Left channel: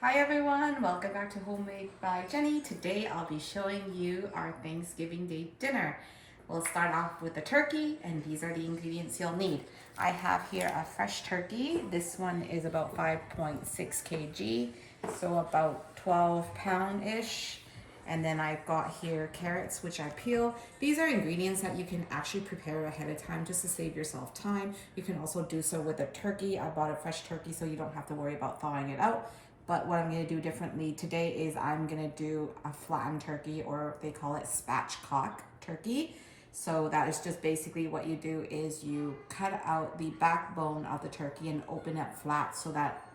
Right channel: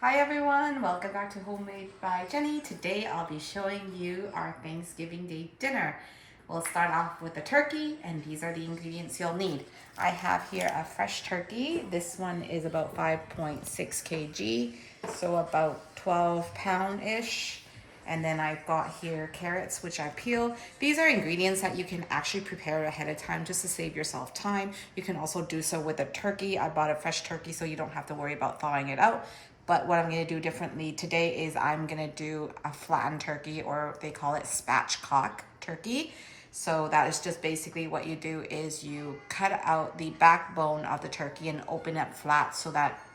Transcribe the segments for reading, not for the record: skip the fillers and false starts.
Hi everyone, welcome back to Homemade by Jenny. Today I'll be showing you our Thanksgiving Day dinner. We'll start off with the turkey, and these are the ingredients you'll need. I have here a fresh turkey. This one is about 5.6 kg, so about 12 pound-ish. And then I've got here carrots, which I peel. These are ingredients that you can actually prepare ahead of time just to save yourself time. You can also do so with a turkey. I bought a fresh turkey so you don't have to worry about thawing it out. But what I'm gonna do differently today is I'm gonna do a flattened turkey, or they call it spatchcock turkey. So that is just basically what you do is you cut out the backbone of the turkey and open it flat so that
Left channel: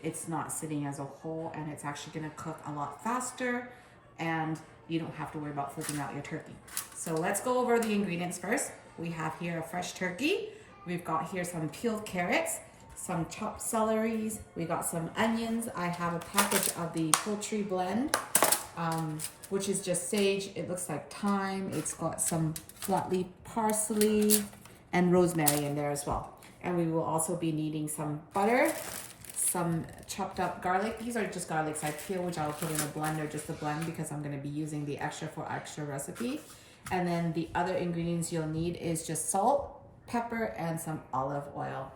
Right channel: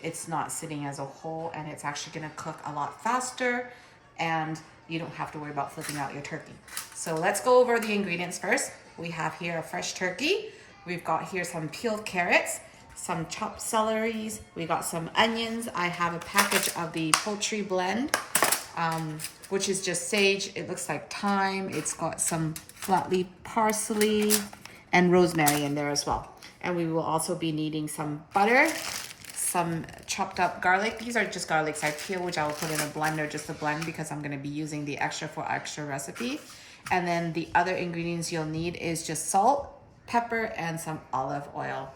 it's not sitting as a whole, and it's actually gonna cook a lot faster and you don't have to worry about flipping out your turkey. So let's go over the ingredients first. We have here a fresh turkey. We've got here some peeled carrots, some chopped celeries. We got some onions. I have a package of the Poultry blend, which is just sage. It looks like thyme. It's got some flat leaf parsley and rosemary in there as well. And we will also be needing some butter, some chopped up garlic. These are just garlics I peel, which I'll put in a blender just to blend because I'm going to be using the extra for extra recipe. And then the other ingredients you'll need is just salt, pepper, and some olive oil.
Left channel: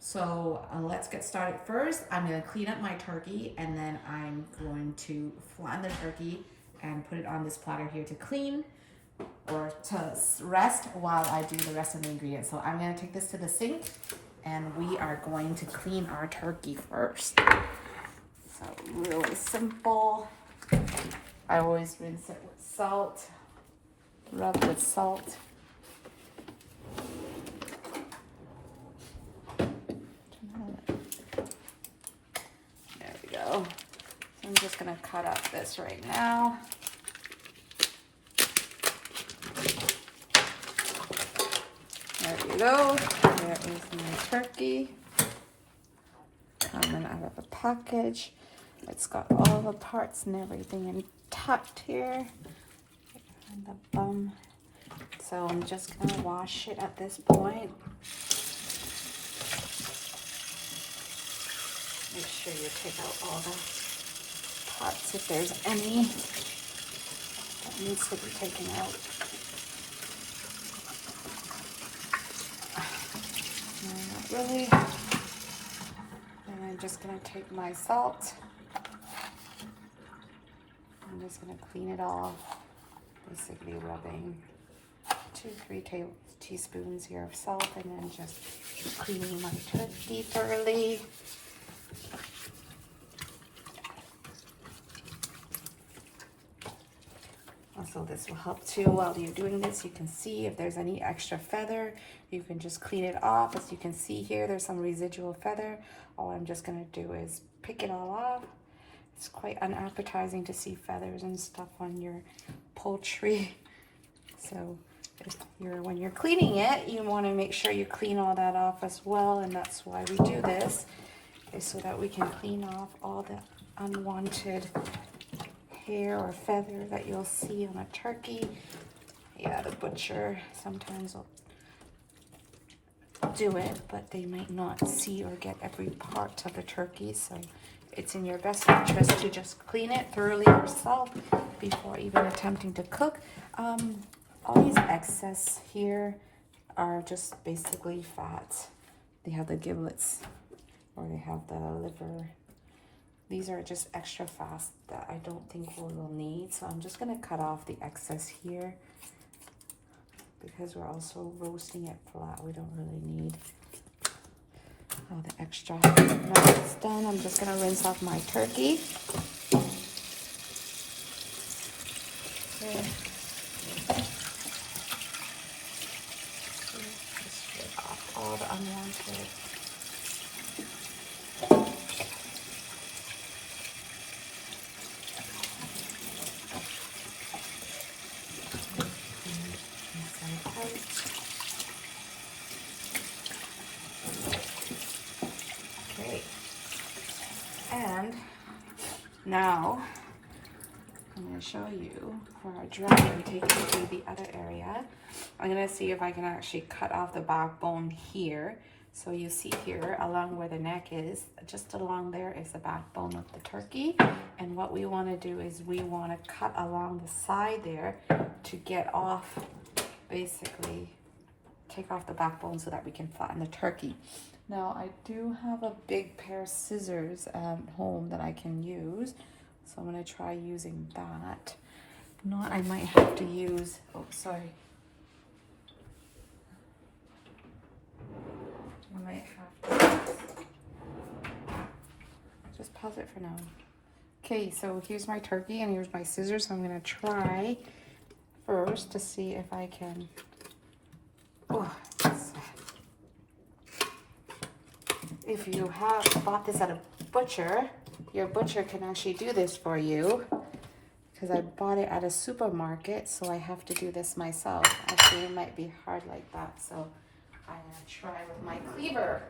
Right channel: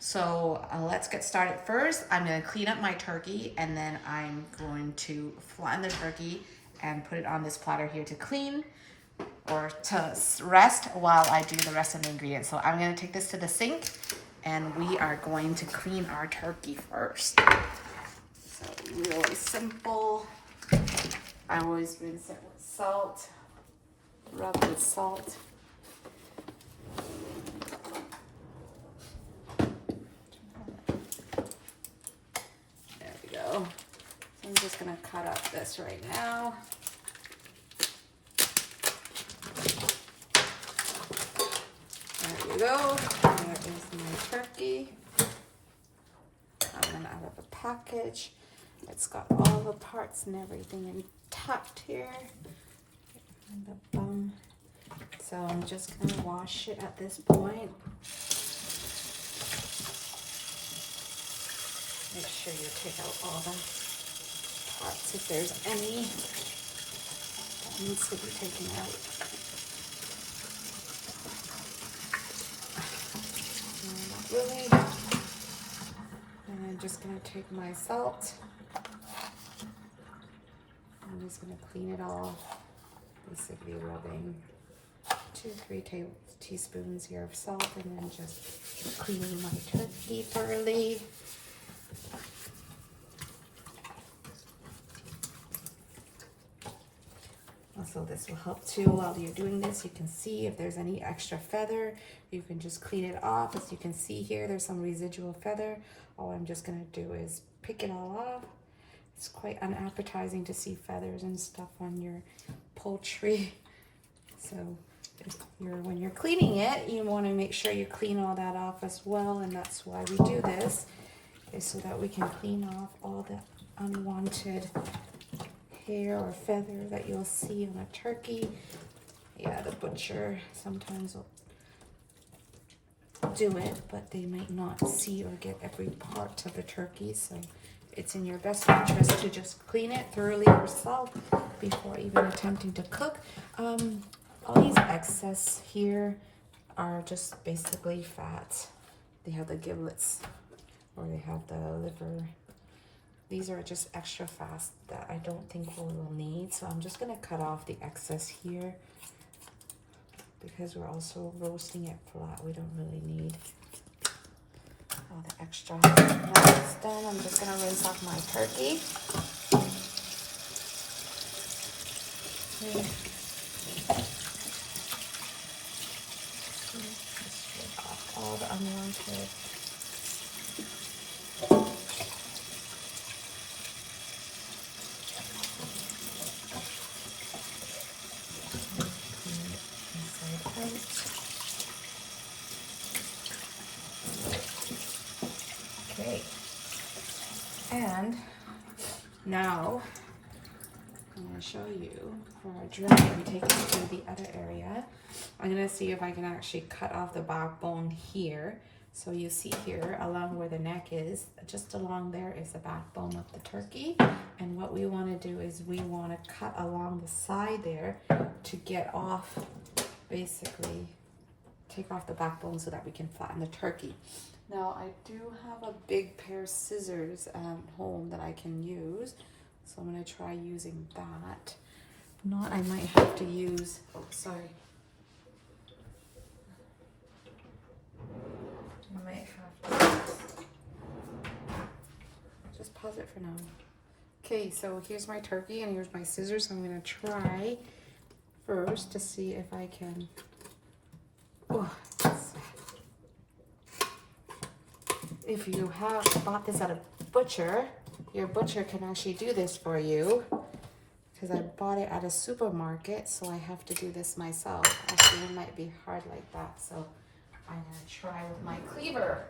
So let's get started first. I'm going to clean up my turkey, and then I'm going to flatten the turkey and put it on this platter here to clean or to rest while I do the rest of the ingredients. So I'm going to take this to the sink, and we are going to clean our turkey first. So really simple. I always rinse it with salt, rub with salt. There we go. So I'm just gonna cut up this right now. There we go. There is my turkey. Coming out of the package. It's got all the parts and everything intact here. And the bum. So I'm just gonna wash it at this point. Make sure you take out all the parts if there's any that needs to be taken out. Really. And I'm just gonna take my salt. I'm just gonna clean it off, basically rubbing 2-3 teaspoons here of salt, and then just cleaning my turkey thoroughly. Also, this will help too while you're doing this. You can see if there's any extra feather, you can just clean it off. As you can see here, there's some residual feather. All I'm just gonna do is pick it all off. It's quite unappetizing to see feathers and stuff on your poultry. So when you're cleaning it, you want to make sure you clean all that off as well, and that's why we do this, is so that we can clean off all the unwanted hair or feather that you'll see on a turkey. Yeah, the butcher sometimes will do it, but they might not see or get every part of the turkey, so it's in your best interest to just clean it thoroughly yourself before even attempting to cook. All these excess here are just basically fat. They have the giblets, or they have the liver. These are just extra fat that I don't think we will need. So I'm just gonna cut off the excess here because we're also roasting it flat. We don't really need all the extra. When it's done, I'm just gonna rinse off my turkey. Okay. Just rip off all the unwanted. Okay, and now I'm going to show you for our dry and take it to the other area. I'm going to see if I can actually cut off the backbone here So you see here along where the neck is, just along there is the backbone of the turkey. And what we want to do is we want to cut along the side there to get off, basically take off the backbone so that we can flatten the turkey. Now I do have a big pair of scissors at home that I can use. So I'm going to try using that. If not, I might have to use, oh sorry. I might have to just pause it for now. Okay, so here's my turkey and here's my scissors. I'm gonna try first to see if I can, if you have bought this at a butcher, your butcher can actually do this for you. Because I bought it at a supermarket, so I have to do this myself. Actually, it might be hard like that, so I'm gonna try with my cleaver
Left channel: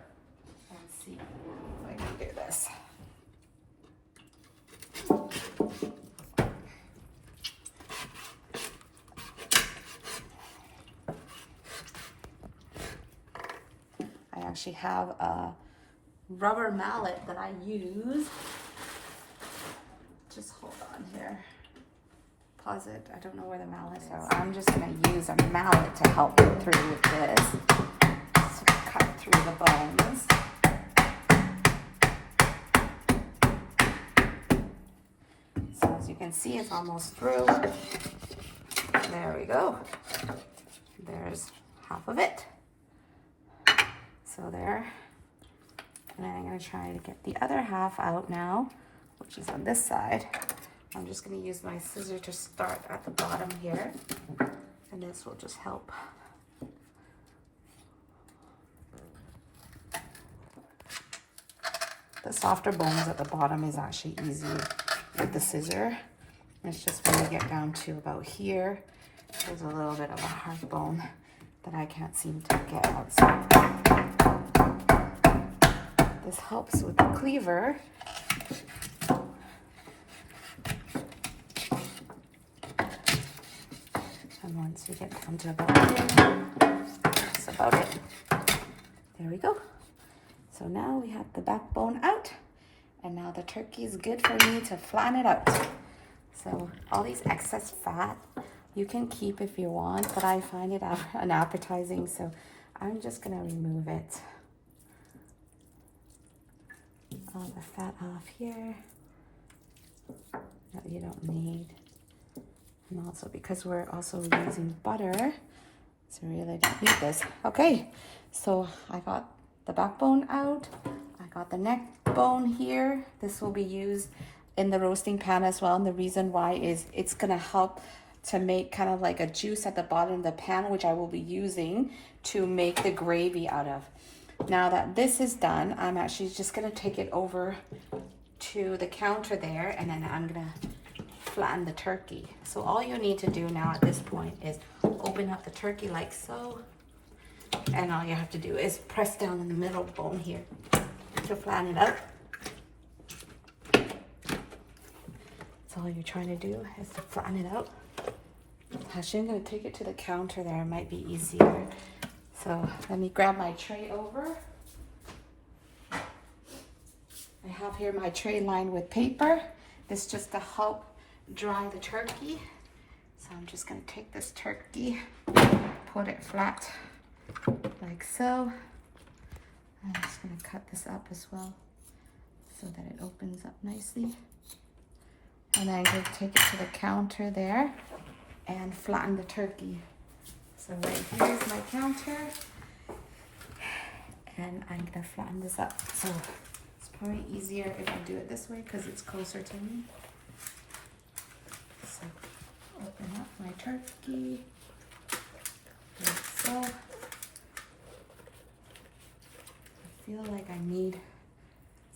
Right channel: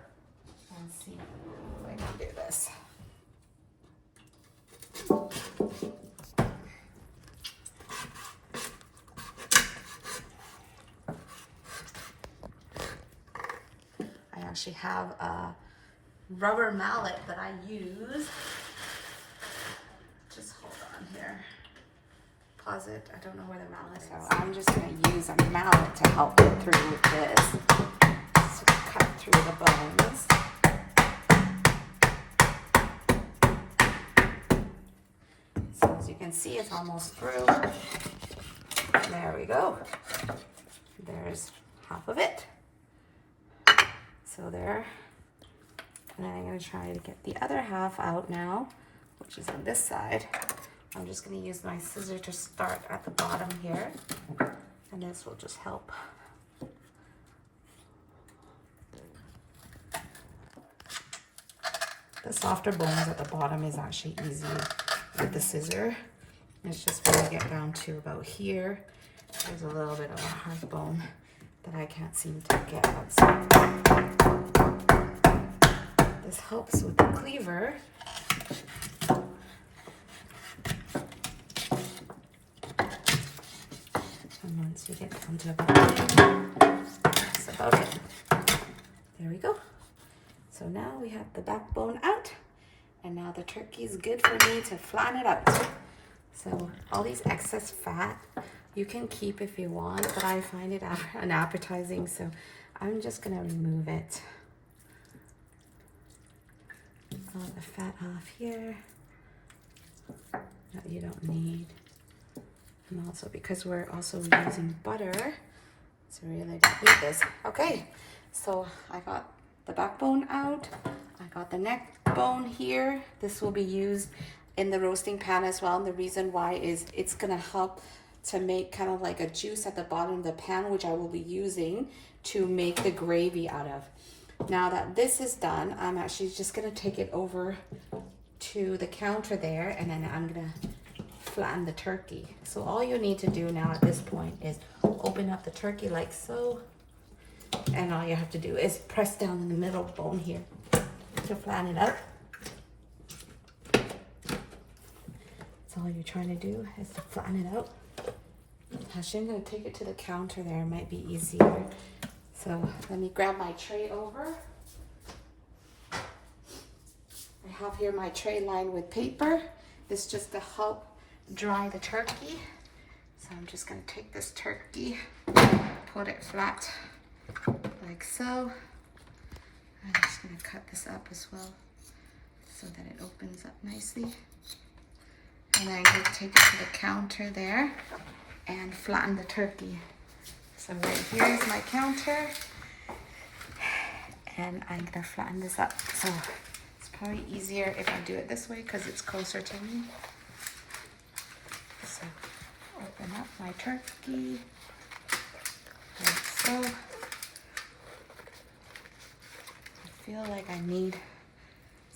and see if I can do this. I actually have a rubber mallet that I use. Just hold on here. Pause it. I don't know where the mallet is. So I'm just going to use a mallet to help me through with this. So cut through the bones. So as you can see, it's almost through. There we go. There's half of it. So there. And then I'm going to try to get the other half out now, which is on this side. I'm just going to use my scissor to start at the bottom here, and this will just help. The softer bones at the bottom is actually easy with the scissor. It's just when you get down to about here, there's a little bit of a hard bone that I can't seem to get out. So this helps with the cleaver. And once you get down to about, that's about it. There we go. So now we have the backbone out, and now the turkey is good for me to flatten it out. So all these excess fat you can keep if you want, but I find it unappetizing, so I'm just gonna remove it. All the fat off here that you don't need. And also because we're also using butter, so really don't need this. Okay, so I got the backbone out. I got the neck bone here. This will be used in the roasting pan as well. And the reason why is it's gonna help to make kind of like a juice at the bottom of the pan, which I will be using to make the gravy out of. Now that this is done, I'm actually just gonna take it over to the counter there, and then I'm gonna flatten the turkey. So all you need to do now at this point is open up the turkey like so, and all you have to do is press down in the middle bone here to flatten it out. So all you're trying to do is to flatten it out. Actually, I'm going to take it to the counter there. It might be easier. So let me grab my tray over. I have here my tray lined with paper. This is just to help dry the turkey. So I'm just going to take this turkey, put it flat like so. I'm just going to cut this up as well so that it opens up nicely. And I'm going to take it to the counter there and flatten the turkey. So right here is my counter, and I'm going to flatten this up. So it's probably easier if I do it this way because it's closer to me. So open up my turkey like so. I feel like I need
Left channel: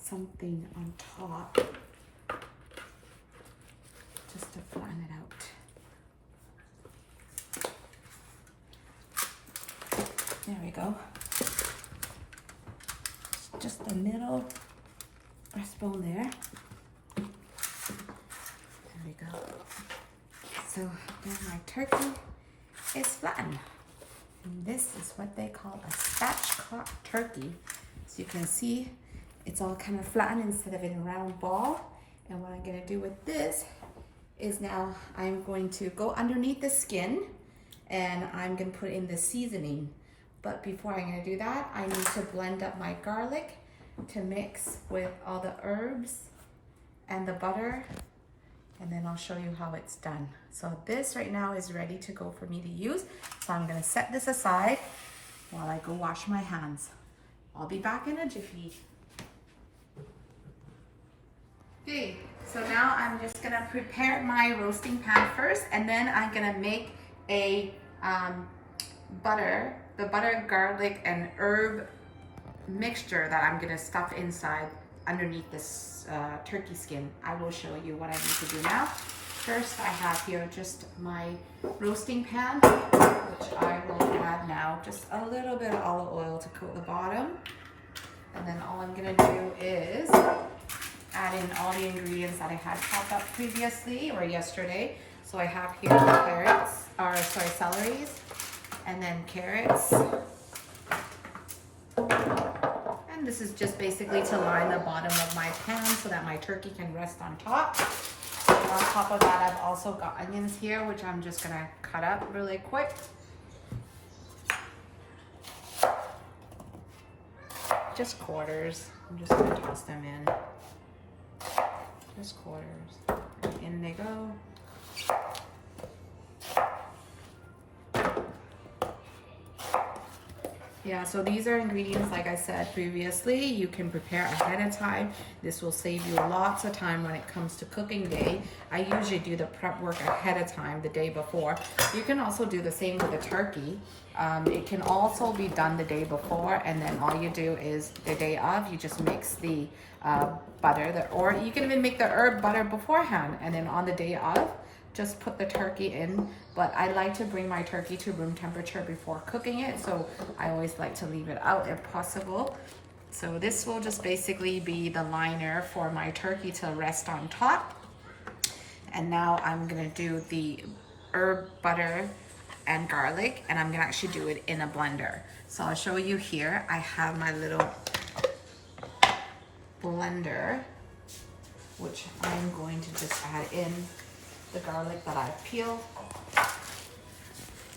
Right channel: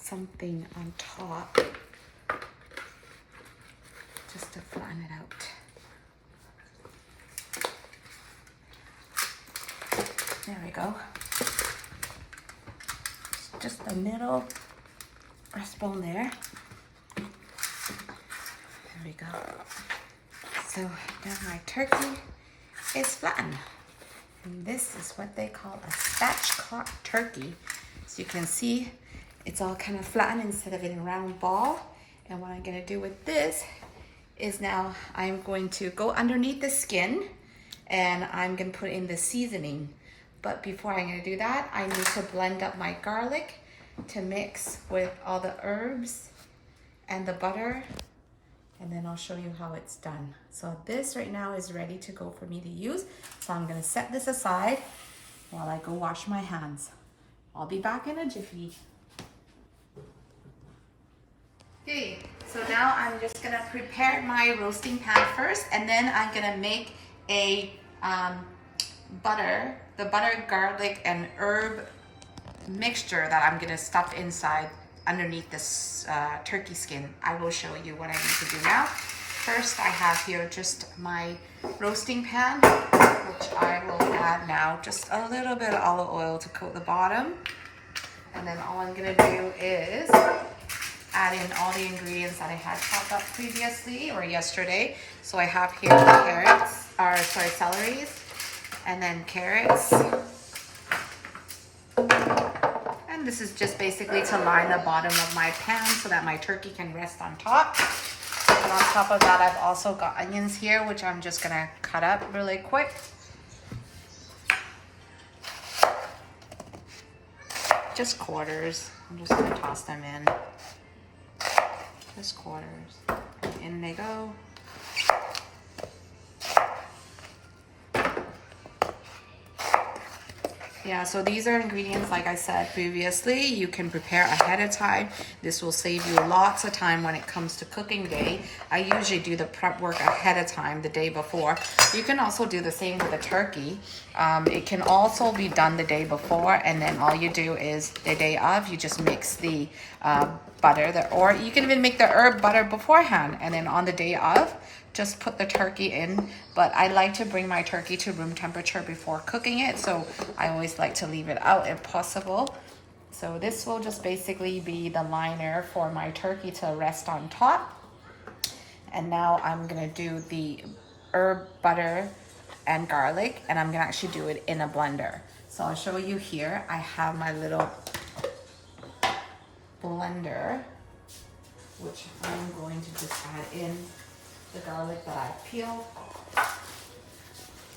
something on top just to flatten it out. There we go. Just the middle breastbone there. There we go. So now my turkey is flattened. And this is what they call a spatchcock turkey. So you can see it's all kind of flattened instead of in a round ball. And what I'm gonna do with this is now I'm going to go underneath the skin and I'm gonna put in the seasoning. But before I'm gonna do that, I need to blend up my garlic to mix with all the herbs and the butter, and then I'll show you how it's done. So this right now is ready to go for me to use. So I'm gonna set this aside while I go wash my hands. I'll be back in a jiffy. Okay, so now I'm just gonna prepare my roasting pan first, and then I'm gonna make a the butter, garlic, and herb mixture that I'm gonna stuff inside underneath this turkey skin. I will show you what I need to do now. First, I have here just my roasting pan, which I will add now just a little bit of olive oil to coat the bottom. And then all I'm gonna do is add in all the ingredients that I had chopped up previously or yesterday. So I have here celeries, and then carrots. And this is just basically to line the bottom of my pan so that my turkey can rest on top. And on top of that, I've also got onions here, which I'm just gonna cut up really quick. Just quarters. I'm just gonna toss them in. Just quarters. In they go. Yeah, so these are ingredients, like I said previously, you can prepare ahead of time. This will save you lots of time when it comes to cooking day. I usually do the prep work ahead of time, the day before. You can also do the same with a turkey. It can also be done the day before, and then all you do is the day of, you just mix the butter, or you can even make the herb butter beforehand, and then on the day of, just put the turkey in. But I like to bring my turkey to room temperature before cooking it, so I always like to leave it out if possible. So this will just basically be the liner for my turkey to rest on top. And now I'm gonna do the herb butter and garlic, and I'm gonna actually do it in a blender. So I'll show you here. I have my little blender, which I'm going to just add in the garlic that I peeled.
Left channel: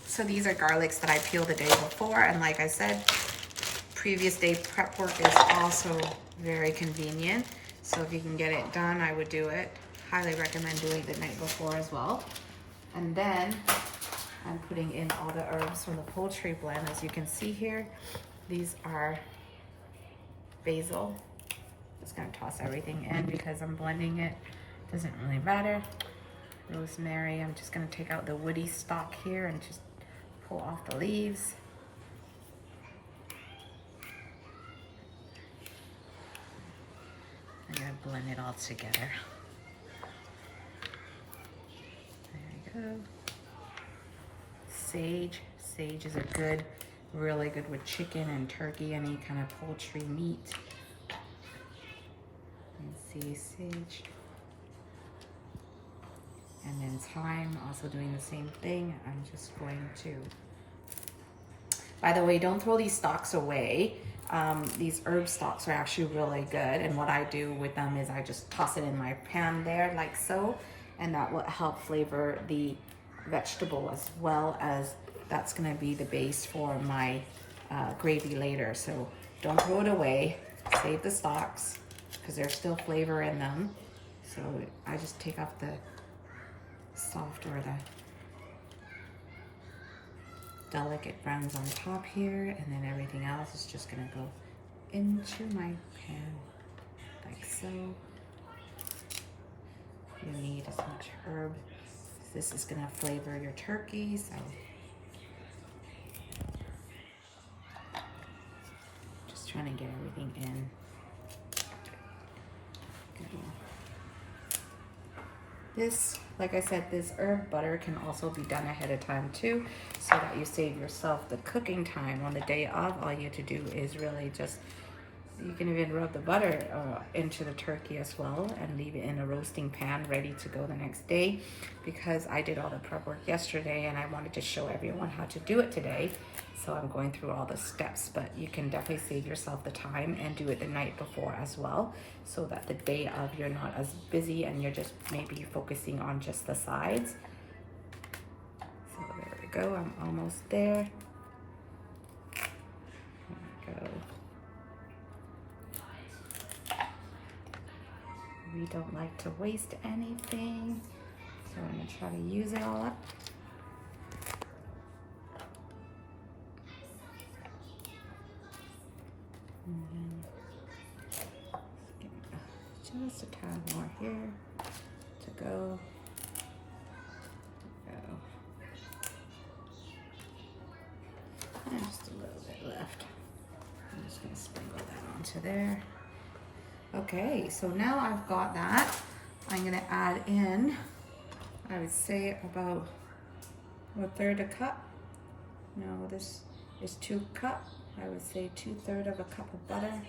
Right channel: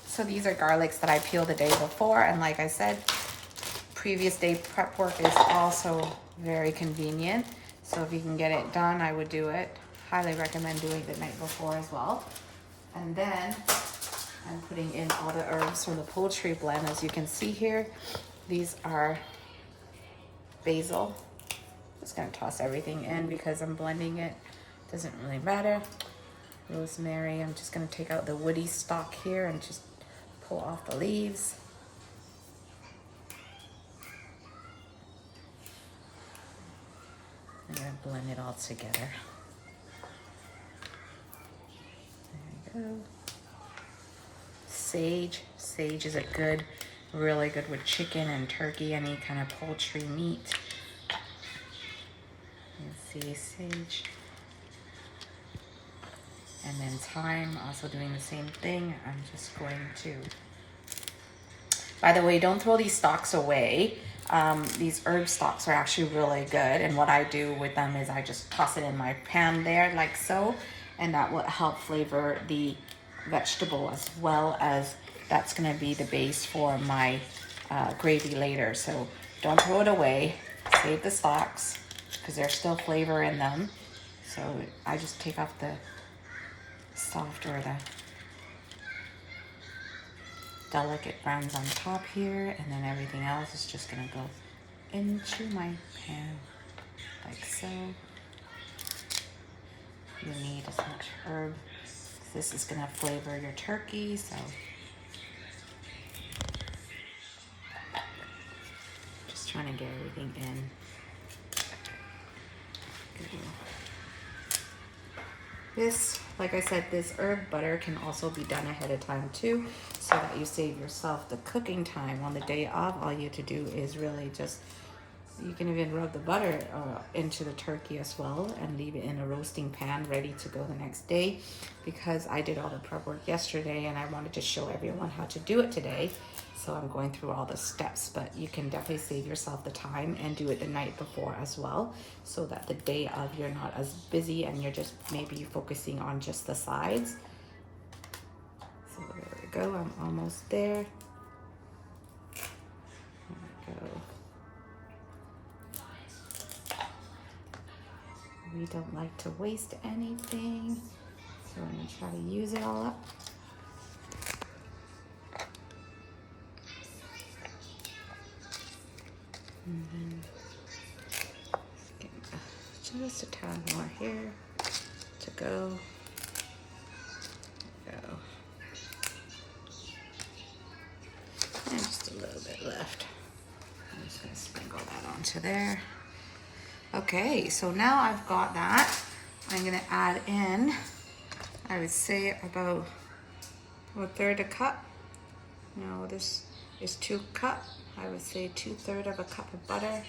So these are garlics that I peeled the day before, and like I said, previous day prep work is also very convenient. So if you can get it done, I would do it. Highly recommend doing it the night before as well. And then I'm putting in all the herbs from the poultry blend. As you can see here, these are basil. Just gonna toss everything in because I'm blending it. Doesn't really matter. Rosemary, I'm just gonna take out the woody stalk here and just pull off the leaves. I'm gonna blend it all together. There we go. Sage. Sage is really good with chicken and turkey, any kind of poultry meat. You can see sage. And then thyme, also doing the same thing. I'm just going to, by the way, don't throw these stalks away. These herb stalks are actually really good. And what I do with them is I just toss it in my pan there like so. And that will help flavor the vegetable, as well as that's gonna be the base for my gravy later. So don't throw it away, save the stalks because there's still flavor in them. So I just take off the soft or the delicate browns on top here, and then everything else is just gonna go into my pan like so. You need as much herb. This is gonna flavor your turkey, so just trying to get everything in. Good. This, like I said, this herb butter can also be done ahead of time too, so that you save yourself the cooking time. On the day of, all you have to do is really just You can even rub the butter into the turkey as well and leave it in a roasting pan ready to go the next day, because I did all the prep work yesterday and I wanted to show everyone how to do it today. So I'm going through all the steps, but you can definitely save yourself the time and do it the night before as well, so that the day of you're not as busy and you're just maybe focusing on just the sides. So there we go, I'm almost there. There we go. We don't like to waste anything, so I'm gonna try to use it all up. And then just a tad more here to go. And just a little bit left. I'm just gonna sprinkle that onto there. Okay, so now I've got that. I'm gonna add in, I would say about 1/3 cup. No, this is 2 cups. I would say 2/3 of a cup of butter.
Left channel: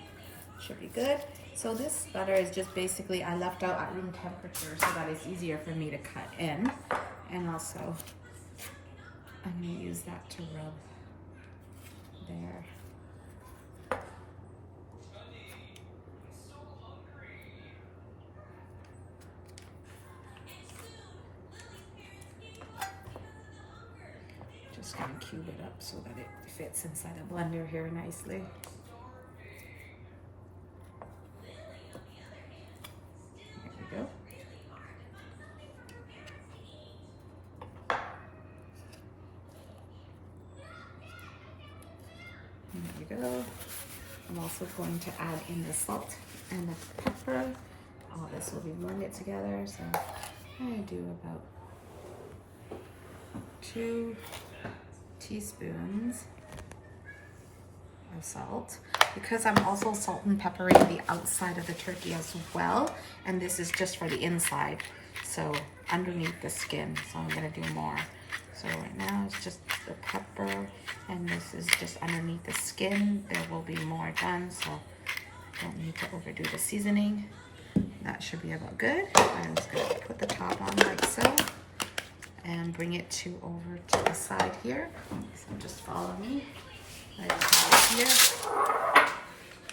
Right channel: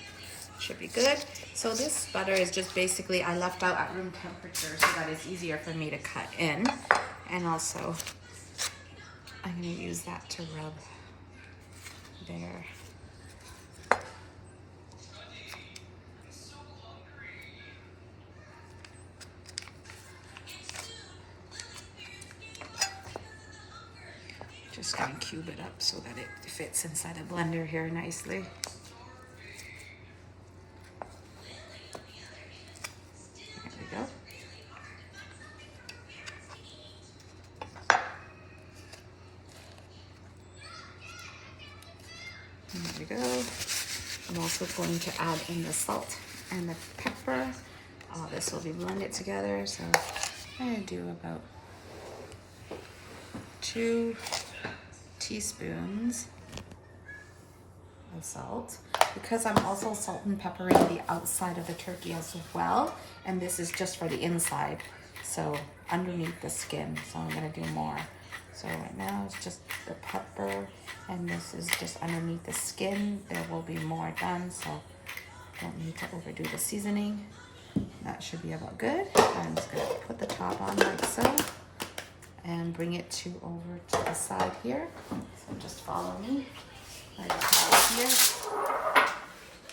Should be good. So this butter is just basically, I left out at room temperature so that it's easier for me to cut in. And also, I'm gonna use that to rub there. Just gonna cube it up so that it fits inside the blender here nicely. There we go. There we go. I'm also going to add in the salt and the pepper. All this will be blended together. So I'm gonna do about 2 teaspoons of salt, because I'm also salt and peppering the outside of the turkey as well, and this is just for the inside, so underneath the skin. So I'm gonna do more. So right now it's just the pepper, and this is just underneath the skin. There will be more done, so don't need to overdo the seasoning. That should be about good. I'm just gonna put the top on like so, and bring it to over to the side here. So just follow me. Right here.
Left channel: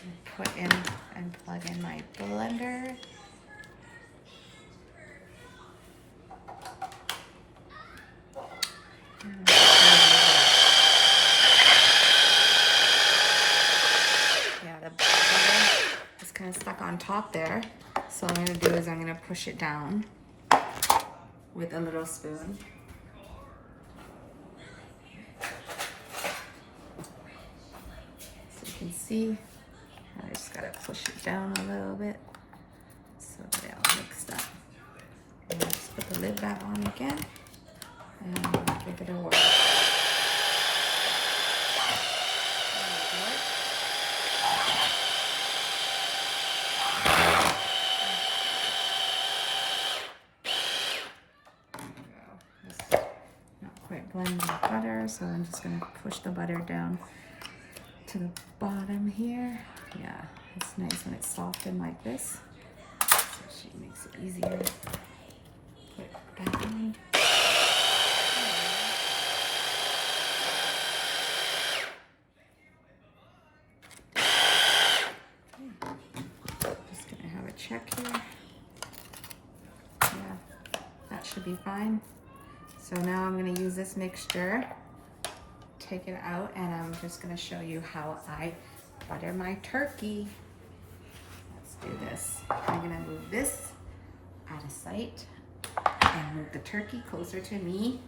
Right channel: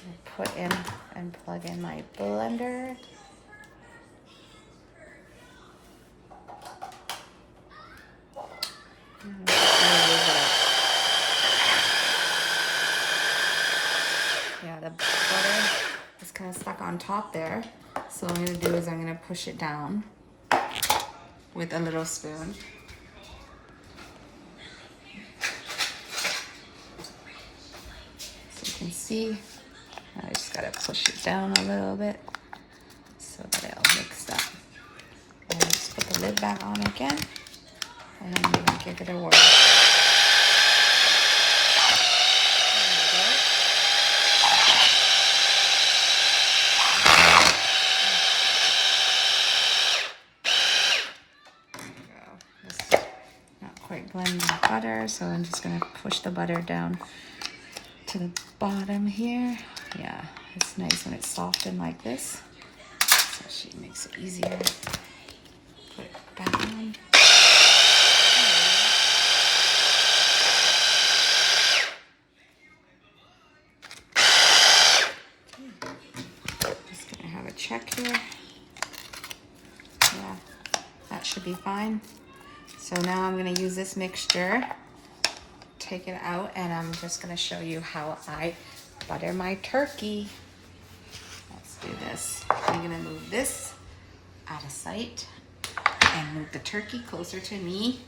And put in and plug in my blender. Yeah, the butter is kind of stuck on top there. So what I'm gonna do is I'm gonna push it down with a little spoon. So you can see, I just gotta push it down a little bit so that it all mixed up. And I'll just put the lid back on again and give it a whirl. Blend the butter, so I'm just gonna push the butter down to the bottom here. Yeah, it's nice when it's softened like this. So she makes it easier. Put it back on. Just gonna have a check here. Yeah, that should be fine. So now I'm gonna use this mixture, take it out, and I'm just gonna show you how I butter my turkey. Let's do this. I'm gonna move this out of sight and move the turkey closer to me.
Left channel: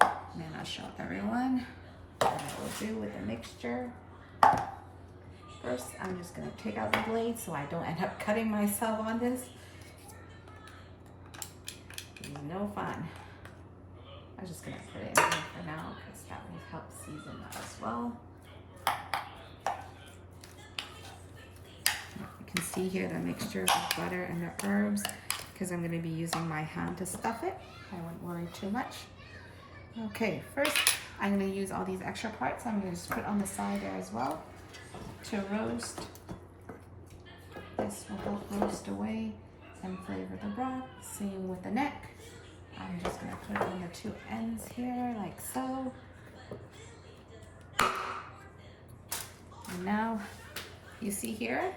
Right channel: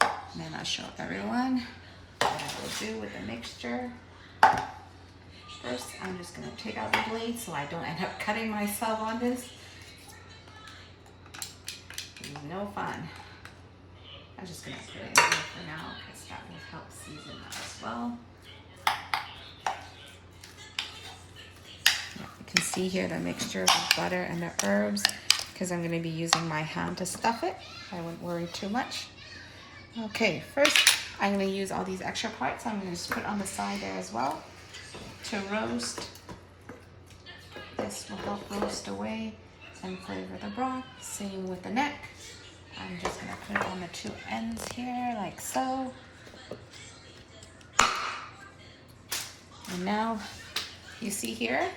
And then I'll show everyone what I will do with the mixture. First, I'm just gonna take out the blade so I don't end up cutting myself on this. No fun. I'm just gonna put it in here for now because that will help season that as well. You can see here the mixture of the butter and the herbs, because I'm gonna be using my hand to stuff it. I won't worry too much. Okay, first I'm gonna use all these extra parts. I'm gonna just put on the side there as well. to roast. This will help roast away and flavor the broth. Same with the neck. I'm just gonna put it on the two ends here, like so. And now, you see here,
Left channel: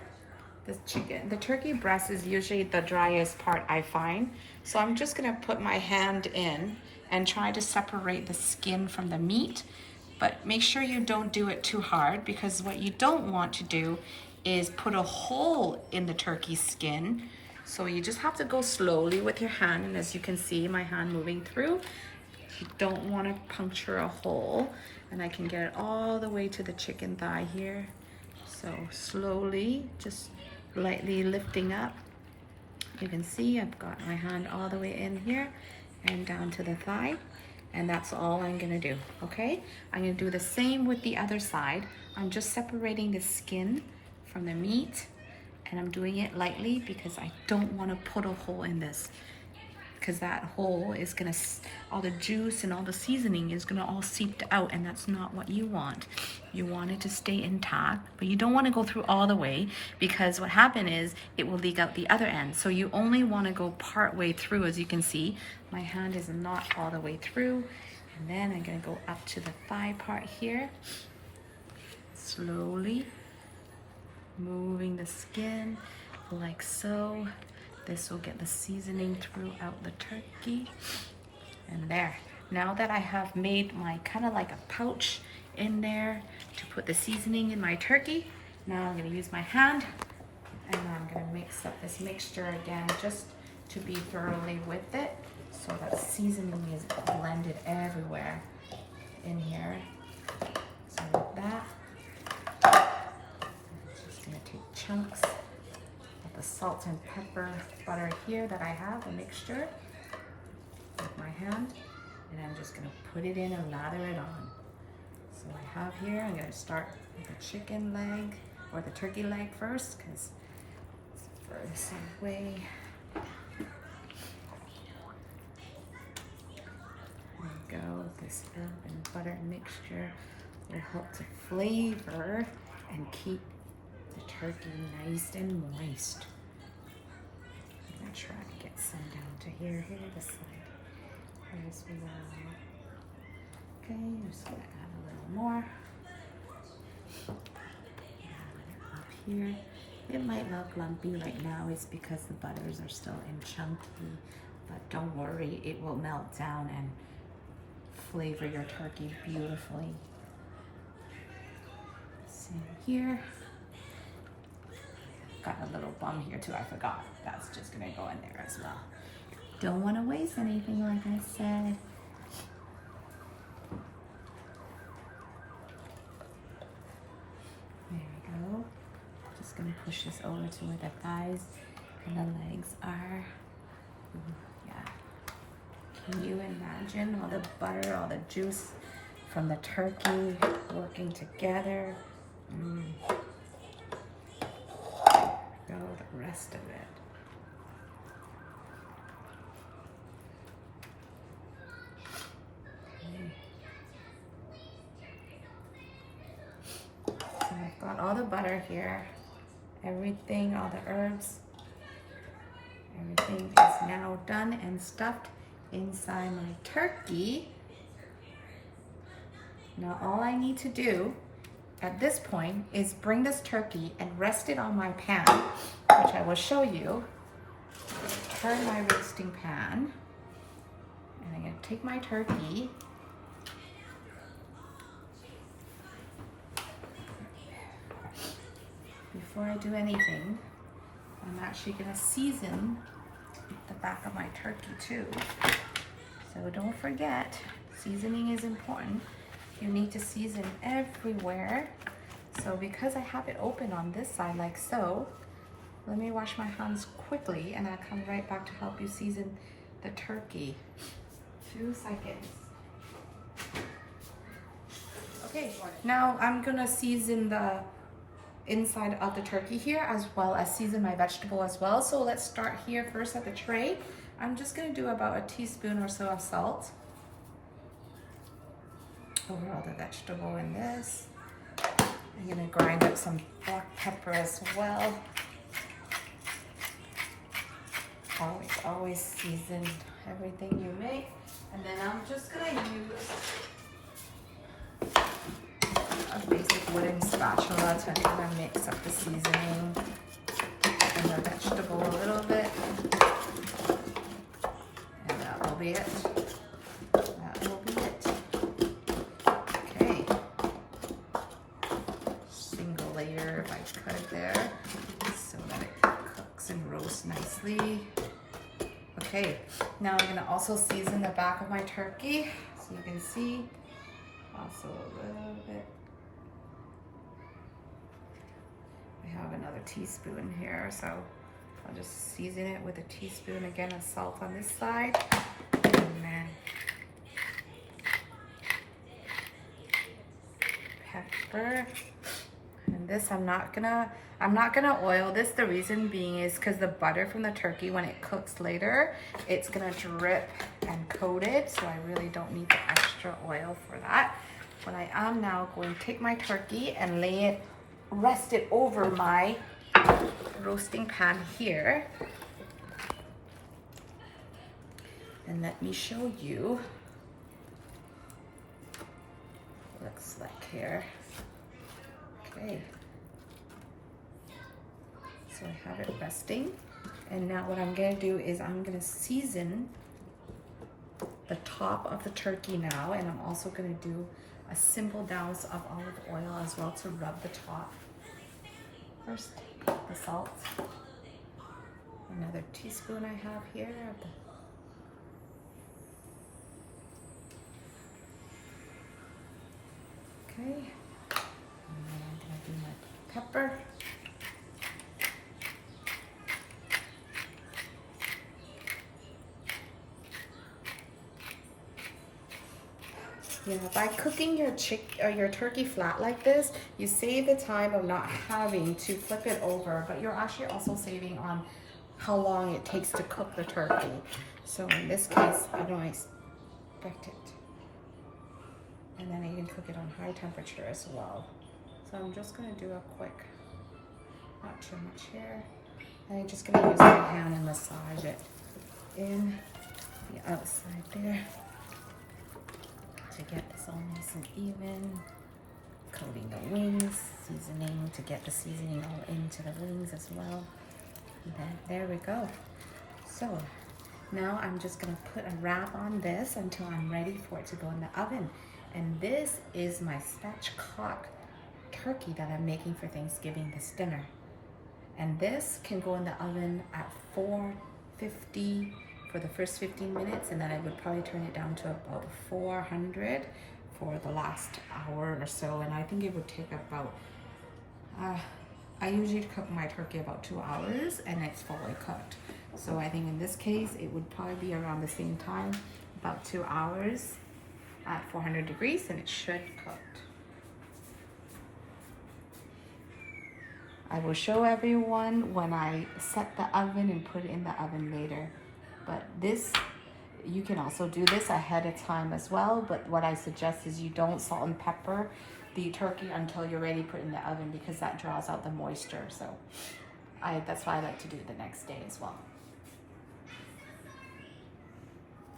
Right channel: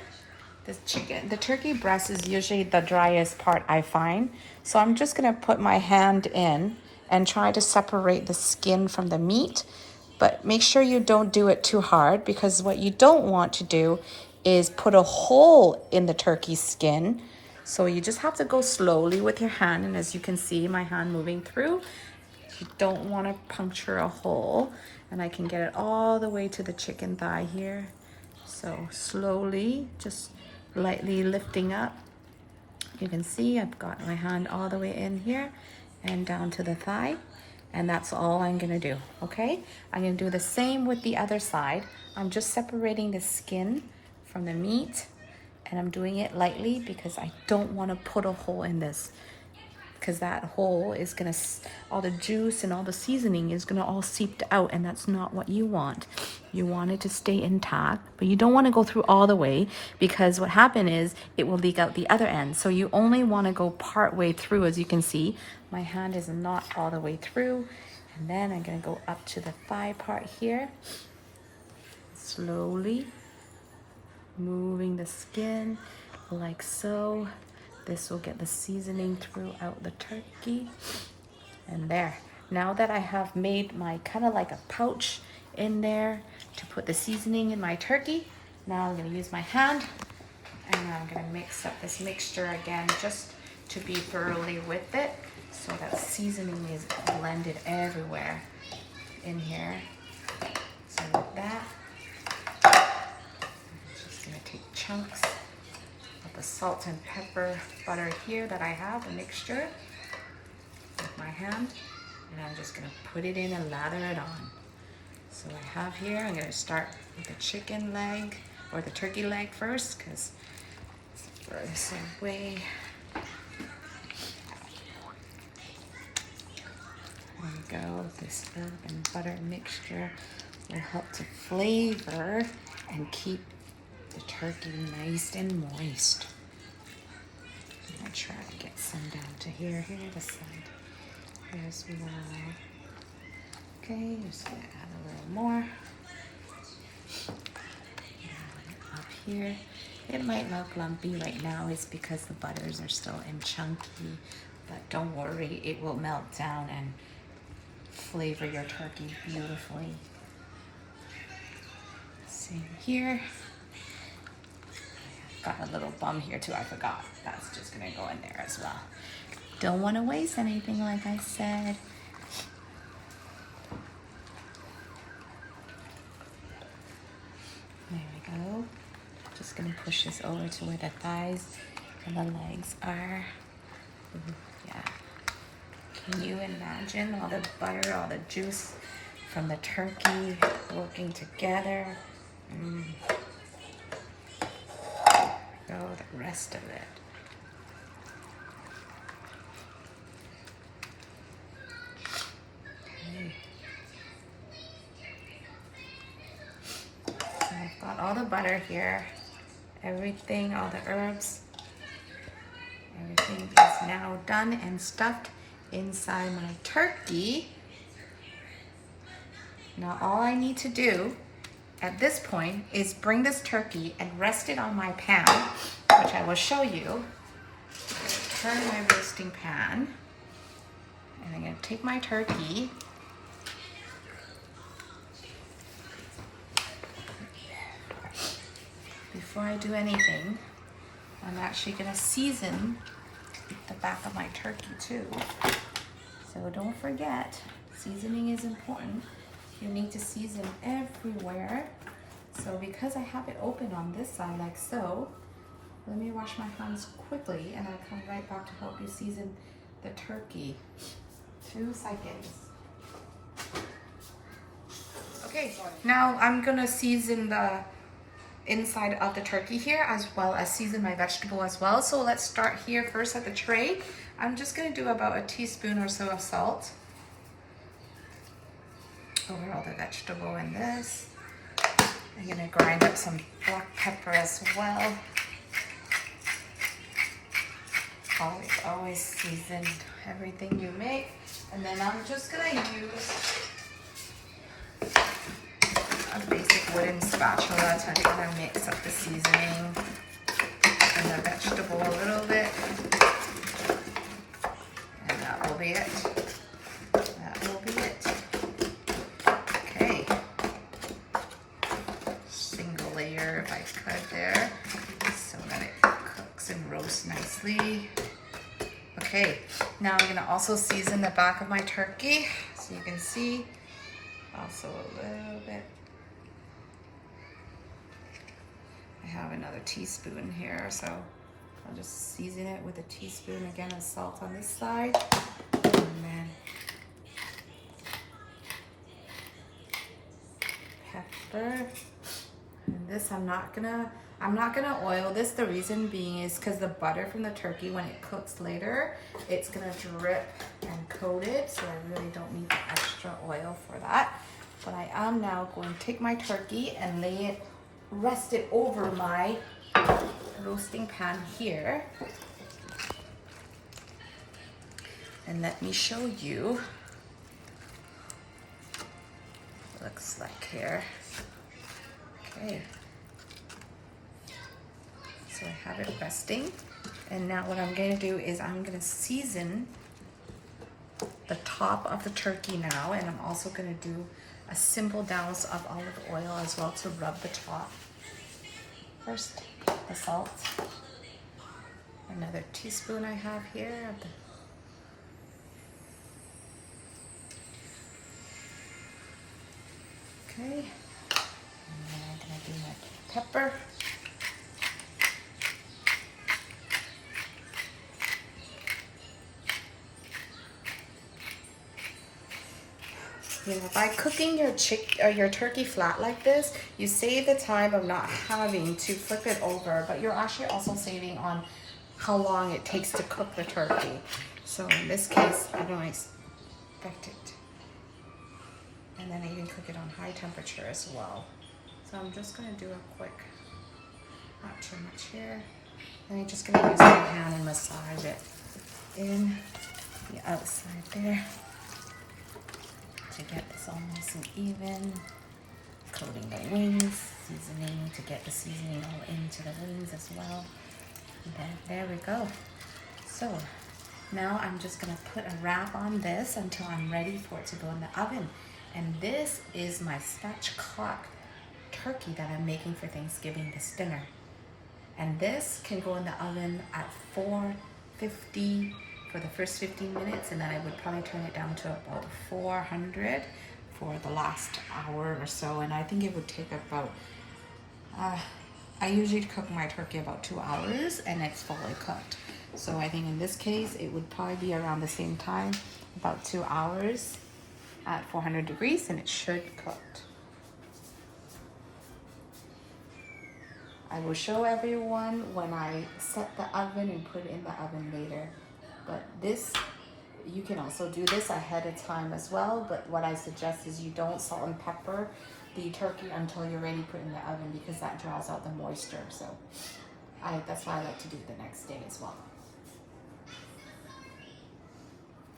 the turkey breast is usually the driest part, I find. So I'm just gonna put my hand in and try to separate the skin from the meat. But make sure you don't do it too hard, because what you don't want to do is put a hole in the turkey skin. So you just have to go slowly with your hand. And as you can see, my hand moving through, you don't want to puncture a hole. And I can get it all the way to the chicken thigh here. So slowly, just lightly lifting up. You can see I've got my hand all the way in here and down to the thigh. And that's all I'm gonna do, okay? I'm gonna do the same with the other side. I'm just separating the skin from the meat, and I'm doing it lightly because I don't wanna put a hole in this, because that hole is gonna, all the juice and all the seasoning is gonna all seep out, and that's not what you want. You want it to stay intact, but you don't wanna go through all the way, because what happened is it will leak out the other end. So you only wanna go part way through. As you can see, my hand is not all the way through. And then I'm gonna go up to the thigh part here. Slowly moving the skin like so. This will get the seasoning throughout the turkey. And there. Now that I have made my kind of like a pouch in there to put the seasoning in my turkey, now I'm gonna use my hand and I'm gonna mix up this mixture again, just to be thoroughly with it, so that seasoning is blended everywhere in here. So with that, I'm just gonna take chunks of the salt and pepper butter here that I have, a mixture, with my hand, and I'm just gonna put it in and lather it on. So I have here, I'm gonna start with the chicken leg, or the turkey leg first, because it's furthest away. There you go. This herb and butter mixture will help to flavor and keep the turkey nice and moist. I'm gonna try to get some down to here, this side. As well. Okay, just gonna add a little more. Up here. It might look lumpy right now, it's because the butters are still in chunky, but don't worry, it will melt down and flavor your turkey beautifully. Same here. Got a little bum here too, I forgot. That's just gonna go in there as well. Don't want to waste anything, like I said. There we go. Just gonna push this over to where the thighs and the legs are. Yeah. Can you imagine all the butter, all the juice from the turkey working together? There we go, the rest of it. I've got all the butter here, everything, all the herbs, everything is now done and stuffed inside my turkey. Now all I need to do at this point is bring this turkey and rest it on my pan, which I will show you. I'm going to turn my roasting pan, and I'm going to take my turkey. Before I do anything, I'm actually gonna season the back of my turkey too. So don't forget, seasoning is important. You need to season everywhere. So because I have it open on this side like so, let me wash my hands quickly and I'll come right back to help you season the turkey. 2 seconds. Okay, now I'm gonna season the inside of the turkey here, as well as season my vegetable as well. So let's start here first at the tray. I'm just gonna do about a teaspoon or so of salt over all the vegetable in this. I'm gonna grind up some black pepper as well. Always season everything you make. And then I'm just gonna use a basic wooden spatula to kind of mix up the seasoning and the vegetable a little bit. And that will be it. That will be it. Okay. Single layer if I could there, so that it cooks and roasts nicely. Okay, now I'm gonna also season the back of my turkey, so you can see also a little bit. I have another teaspoon here, so I'll just season it with a teaspoon again of salt on this side, and then pepper. And this I'm not gonna oil this. The reason being is because the butter from the turkey, when it cooks later, it's gonna drip and coat it, so I really don't need the extra oil for that. But I am now going to take my turkey and rest it over my roasting pan here. And let me show you what it looks like here. Okay. So I have it resting, and now what I'm gonna do is I'm gonna season the top of the turkey now, and I'm also gonna do a simple douse of olive oil as well to rub the top. First, the salt. Another teaspoon I have here of the okay. And then I'm gonna do my pepper. Yeah, by cooking your turkey flat like this, you save the time of not having to flip it over, but you're actually also saving on how long it takes to cook the turkey. So in this case, I don't expect it. And then I can cook it on high temperature as well. So I'm just gonna do a quick, not too much here. And I'm just gonna use my hand and massage it in the outside there, to get this all nice and even, coating the wings, seasoning to get the seasoning all into the wings as well. And then there we go. So now I'm just gonna put a wrap on this until I'm ready for it to go in the oven. And this is my spatchcock turkey that I'm making for Thanksgiving, this dinner. And this can go in the oven at 450 for the first 15 minutes, and then I would probably turn it down to about 400 for the last hour or so. And I think it would take about, I usually cook my turkey about 2 hours and it's fully cooked. So I think in this case, it would probably be around the same time, about 2 hours at 400 degrees, and it should cook. I will show everyone when I set the oven and put it in the oven later. But this, you can also do this ahead of time as well, but what I suggest is you don't salt and pepper the turkey until you're ready to put it in the oven, because that draws out the moisture. So that's why I like to do it the next day as well.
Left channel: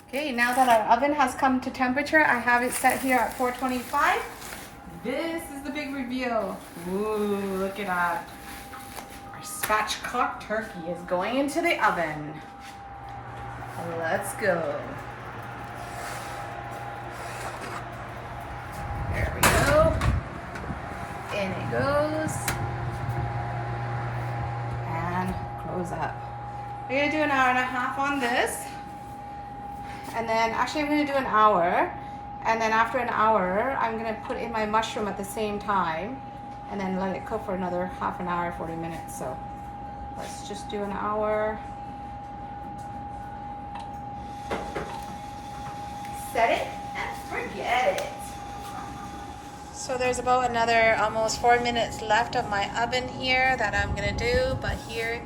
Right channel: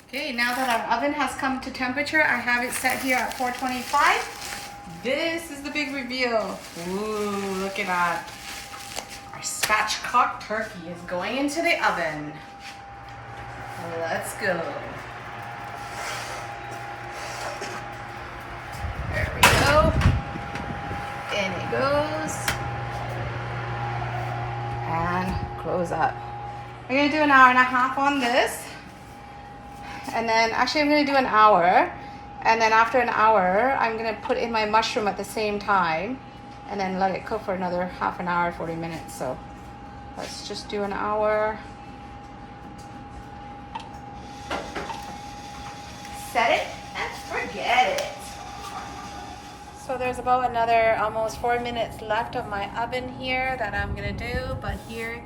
Okay, now that our oven has come to temperature, I have it set here at 425. This is the big reveal. Ooh, look at that. Our spatchcock turkey is going into the oven. Let's go. There we go. In it goes. And close up. We're gonna do an hour and a half on this. And then, actually I'm gonna do an hour. And then after an hour, I'm gonna put in my mushroom at the same time and then let it cook for another half an hour, 40 minutes. So let's just do an hour. Set it and forget it. So there's about another almost 4 minutes left of my oven here that I'm gonna do, but here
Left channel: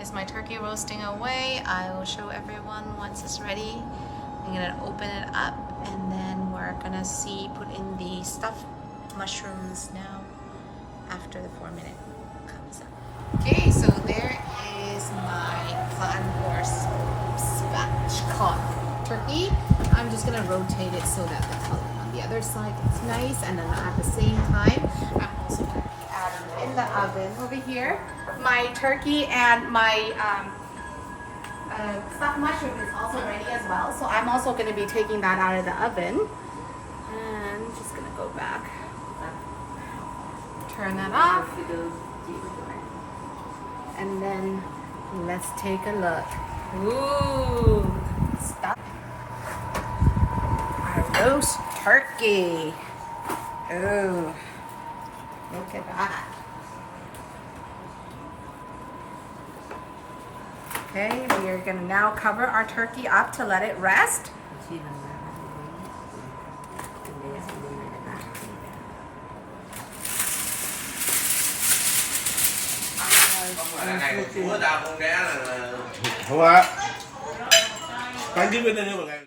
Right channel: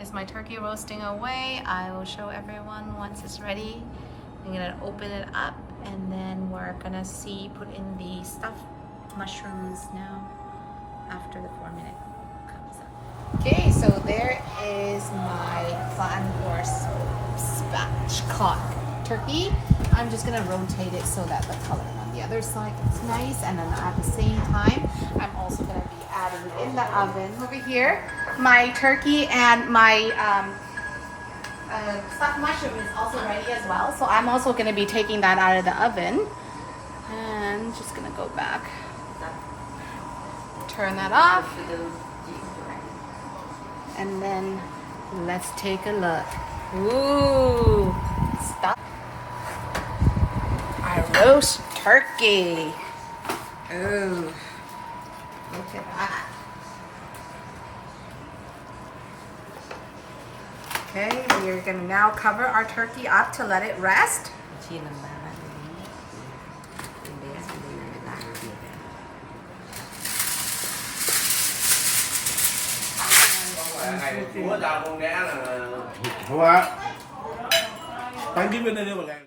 is my turkey roasting away. I will show everyone once it's ready. I'm gonna open it up, and then we're gonna put in the stuffed mushrooms now. after the 4-minute comes up. Okay, so there is my flattened or spatchcock turkey. I'm just gonna rotate it so that the color on the other side is nice, and then at the same time, I'm also gonna be adding in the oven over here my turkey, and my stuffed mushroom is also ready as well. So I'm also gonna be taking that out of the oven, and just gonna go back, turn that off, and then let's take a look. Ooh, stuff. Our roast turkey. Ooh, look at that. Okay, we are gonna now cover our turkey up to let it rest. Không ạ. Bán cái bên đây nữa mọi người.